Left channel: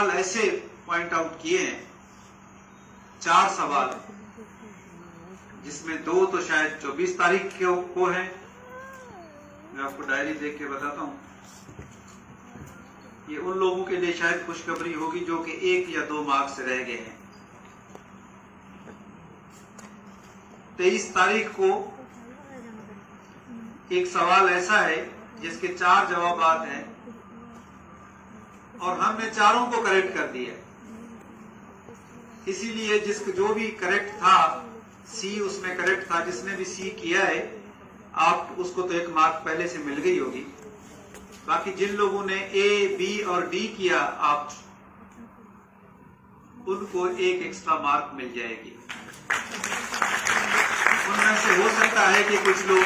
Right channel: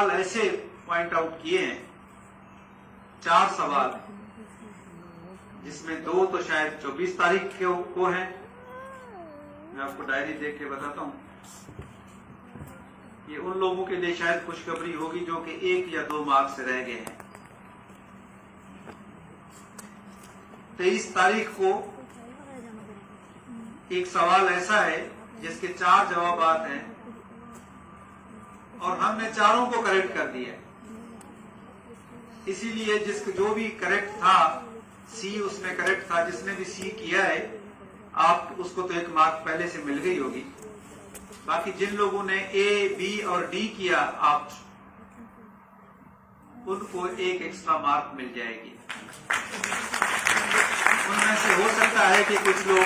सवाल ऐसे point out किए हैं, 4 सवाल, जिसमें 2 तो शायद 24 तारीख को है। मैं आपको डायरी देख के बताता हूं। ये उन लोगों के लिए शायद खुशखबरी होगी जो कि 1 या 2 मार्क्स से रह गए हैं। 23 तारीख को एक सवाल ऐसा है जिसके 4 जवाब हैं और हमने चारों को करेक्ट कर दिया। इसीलिए जो भी करेक्ट था, सी उसमें करेक्ट था, जिसने भी सी किया है आप उसको तो 1 मार्क पहले से मिल गई होगी। बाकी जिन लोगों ने ए, बी और डी किया, आप उनको 1 एक्स्ट्रा मार्क मिल जाएगी। उनमें से हो सकता है कि कुछ लोग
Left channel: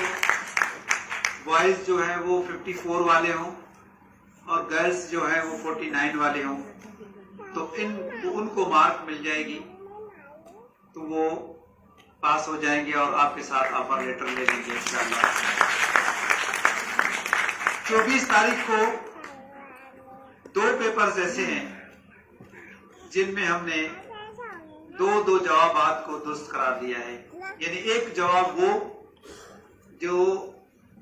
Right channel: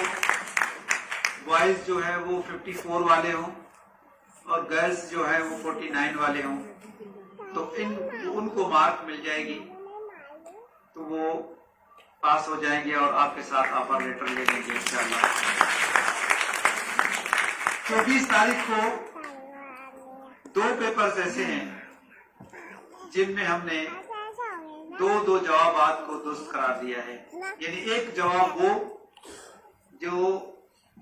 बॉयज जो है वो 54 वाले हों और गर्ल्स जो है वो 49 वाले हों, तो उनको मार्क मिल जाएगी, तो वो पास हो जाएंगे और आपके साथ ऑफर लेटर ले लेंगे इंशाअल्लाह। 24 तारीख को 2 पेपर्स ऐसे हैं जिनमें हमने 2 जवाब को दुरुस्त करार दिया है। यानी एक जवाब वो जो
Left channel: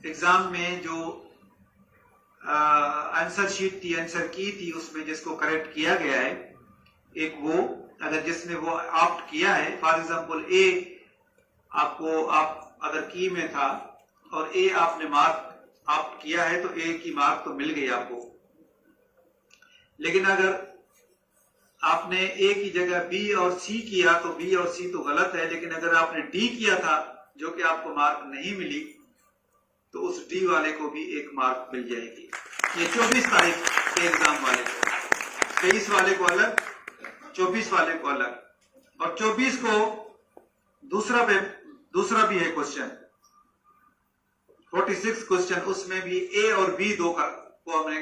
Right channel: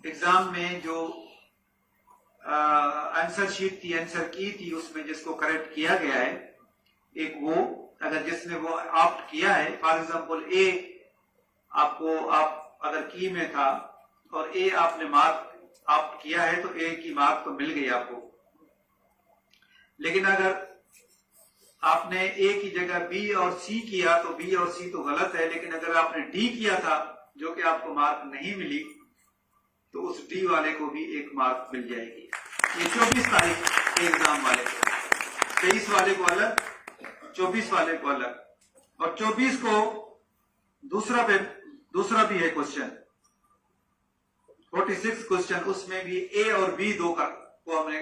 एग्जाम में जो आंसर शीट थी, आंसर की थी, उसमें जिसको करेक्ट किया गया है, एक वो अगर जिसने वो ऑप्ट किया है, फॉर एग्जाम्पल ए आप अगर की में था और ए आपने मार्क ऑप्ट किया है तो ए की मार्क तो मिल गई आपको। लेकिन अगर आपने ए की जगह बी और सी किया तो बी और सी तो गलत है, लेकिन अगर आपने डी किया था जो कि आपको मार्क नहीं मिली, तो उस डी वाले को भी 1 मार्क मिल जाएगी। ये 24 तारीख के एग्जाम वाले को, 23 वाले को अलग, 24 वाले को अलग। और 24 को दूसरा भी है क्वेश्चन, 46 क्वेश्चन, उसमें भी ए और बी 2 को हमने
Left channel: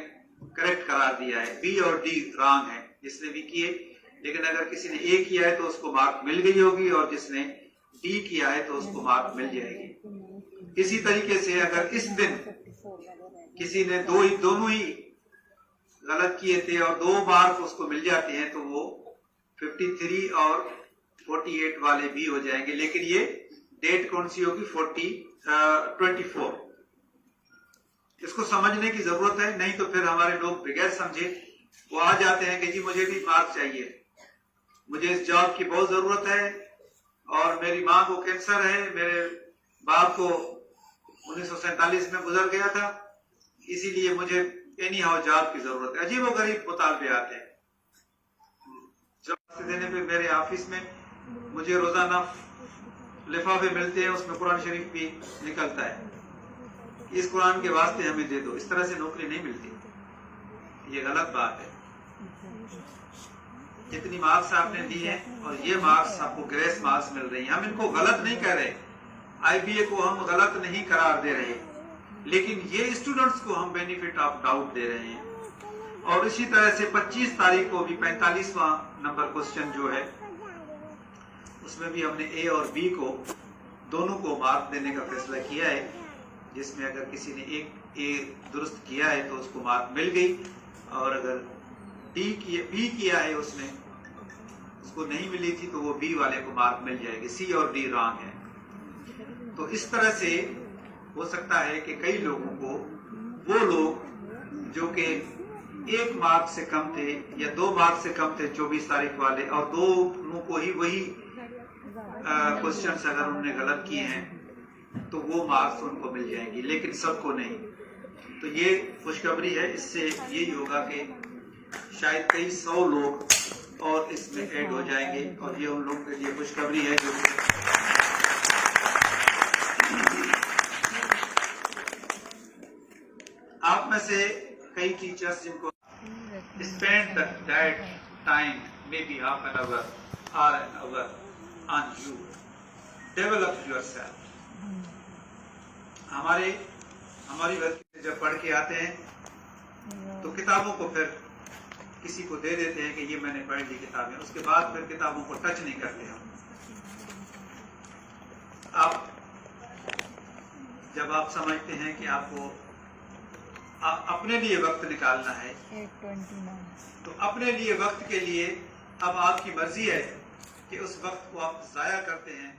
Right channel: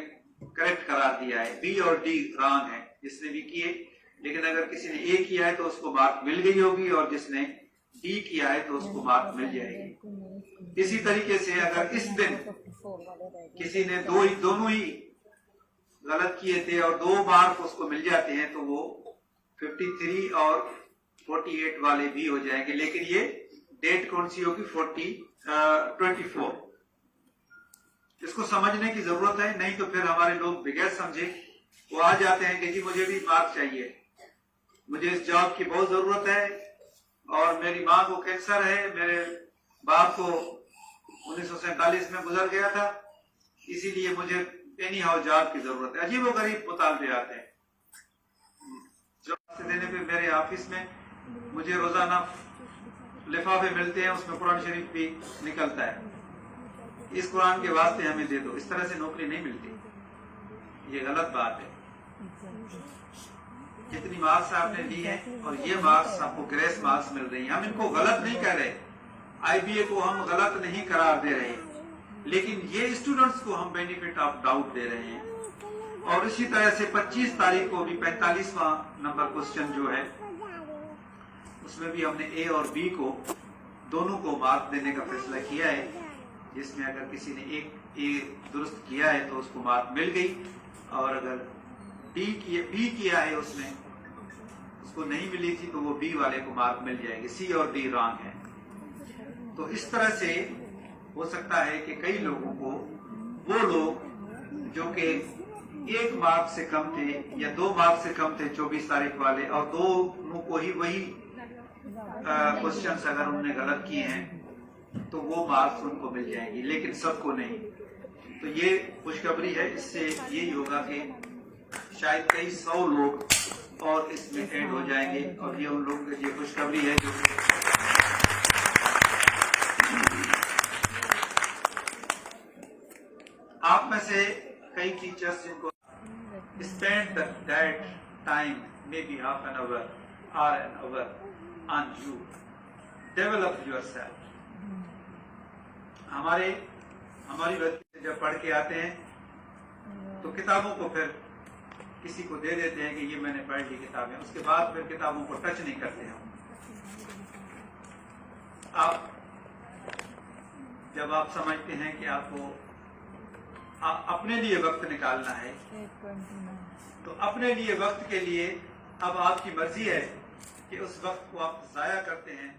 करेक्ट करार दिया है। बी और डी रॉन्ग है जिसने भी किए, लेकिन अगर किसी ने ए किया है तो उसको मार्क मिल गई होगी और जिसने डी किया है तो उसको मार्क मिल जाएगी। इसी तरीके से अगर इस दिन किसी ने दोनों ही गलत किए थे और 2 मार्क उसको मिल जाते हैं तो वो 53 और 48 वाले भी हो जाएंगे। लेकिन ये डेट कौन सी होगी? 24। इसको समझने की जरूरत है, नहीं तो फिर हमारे लोग बगैर समझे वो आ जाते हैं कि जी मुझे भी मार्क चाहिए, मुझे इस जॉब की बहुत जरूरत है और मेरी माँ को कैंसर है, मेरे बाप को 1947 में गुजर गया था, इसीलिए मुझे एनी हाउ जॉब की जरूरत है। अजीब व गरीब मुतालबे आते हैं। जॉब देने पे मेरे ऑफिस में मुझे रोजाना लिफाफे मिलते हैं, उसमें कुरान शरीफ भी निकलता है, इस कुरान के वास्ते हमें दे दो। इस तरह से नौकरी नहीं मिलती, ये गलत बात है। जितनी मार्क्स आपने दी हैं और ये मार्क्स आपको ग्रेस मार्क्स मिल रही हैं, हम इनको गलत नहीं कर रहे, आईबीए को हम गलत नहीं करार दे रहे, लेकिन ये स्टूडेंट्स को हम बेनिफिट ऑफ डाउट दे रहे हैं। और इसी तरह से 25 तारीख को भी 45वां नंबर क्वेश्चन जो है, उसमें भी हमने ए और बी को दोनों को मार्क देने का फैसला किया है, जिसमें अगर किसी ने एक ए दुरुस्त किया है तो उसको मार्क मिल गई, और अगर बी किया है उसने, उसको नहीं मिली थी, तो वो बी वाले को मार्क मिल जाएगी। सी और डी रॉन्ग है। तो इस तरह से हो सकता है कि कई लोगों को, वो लोग जो कि 1 मार्क से कम थे या 2 मार्क से कम थे 24 तारीख वाले, और दोनों को ही वही क्वेश्चंस अगर उन्होंने गलत किए हैं तो वो मार्क्स उनको मिल जाएंगे, लेकिन सबको नहीं। तो ये खुशखबरी है। इससे यही होगा कि शायद कई 100 लोग और इसमें ऐड हो जाएंगे, और ये उन लोगों के लिए खुशखबरी है जो आप में से कई टीचर्स जिनको spend that time may be half an hour और an hour on you, develop yourself. हमारी बच्चे जब पढ़ के आते हैं तो किताबों को फिर किसी को दे देते हैं कि ये मैंने पढ़ ली किताबें, उसके बाद फिर किताबों को टच नहीं करते हैं। जब आप समझते हैं कि आपको अपने लिए वक्त निकालना है। 8:29 तो अपने लिए वक्त के लिए अब आपकी मर्जी है कि उस वक्त को आप जाया करते हैं